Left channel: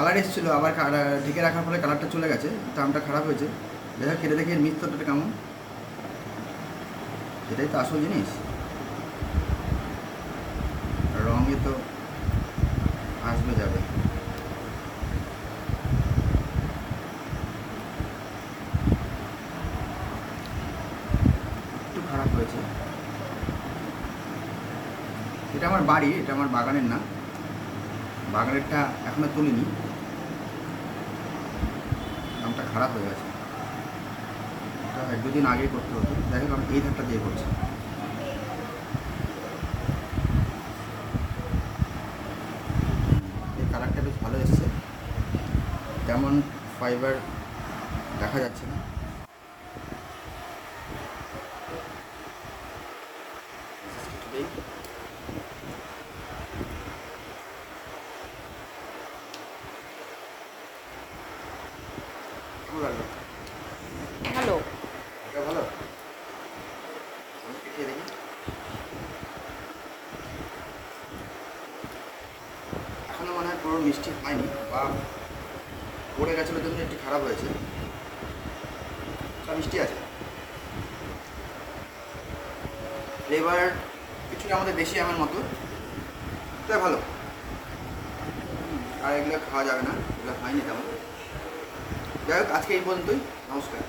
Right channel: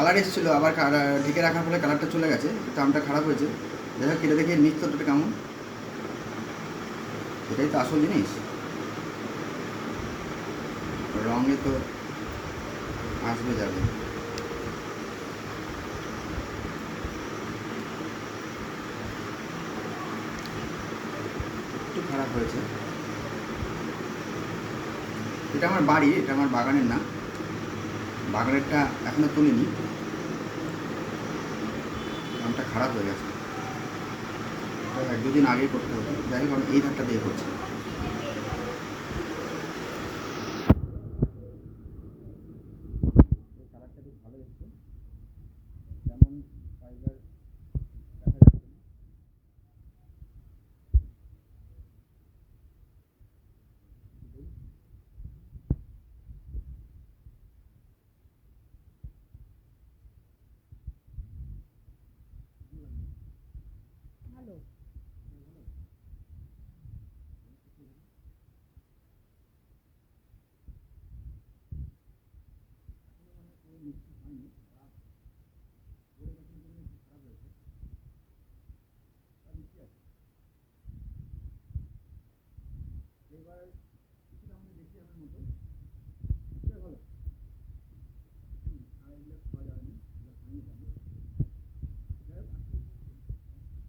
Colour এসেছিলো, আবার ঢেকে রাখার ফলে কালারটা চলে গেছে, ট্রামটা খারাপ হয়েছে। দেখা কেটে দেখি মিক্সচারটা কেমন, এটাই তো আসল জিনিস। রঙে তো আসবে যাবে। একটু খারাপ হয়েছে। এটা আমার বাড়ি, এটা আমার বাগানের না, বাগানেরটা এখনো তুলিনি, ট্রামটা খারাপ হয়ে গেছে। এটা এক দুদিন আগেই করতে হতো। যাই হোক, আমি এই ধারটা দিয়ে করছি। এই কালারটা বেশ ভালো এসছে, তেমন ফাইবার দেখা যাচ্ছে না। ভালো লাগলো, ভালো। এটা ভালো। আমি খেয়ে দেখি। এখনো মনে হয় পুরো মিষ্টি হয়নি, বা পড়ে গেছিলো জন্য একটু খারাপ হয়েছে। মিষ্টি আছে, ফ্লেভার কিছুটা আমাদের দেশি আমের মতো, এটা ভালো। আর এগুলো খাওয়া যাবে না, এগুলো হয়নি তেমন। যাই হোক, আজকে এই পর্যন্তই। নমস্কার।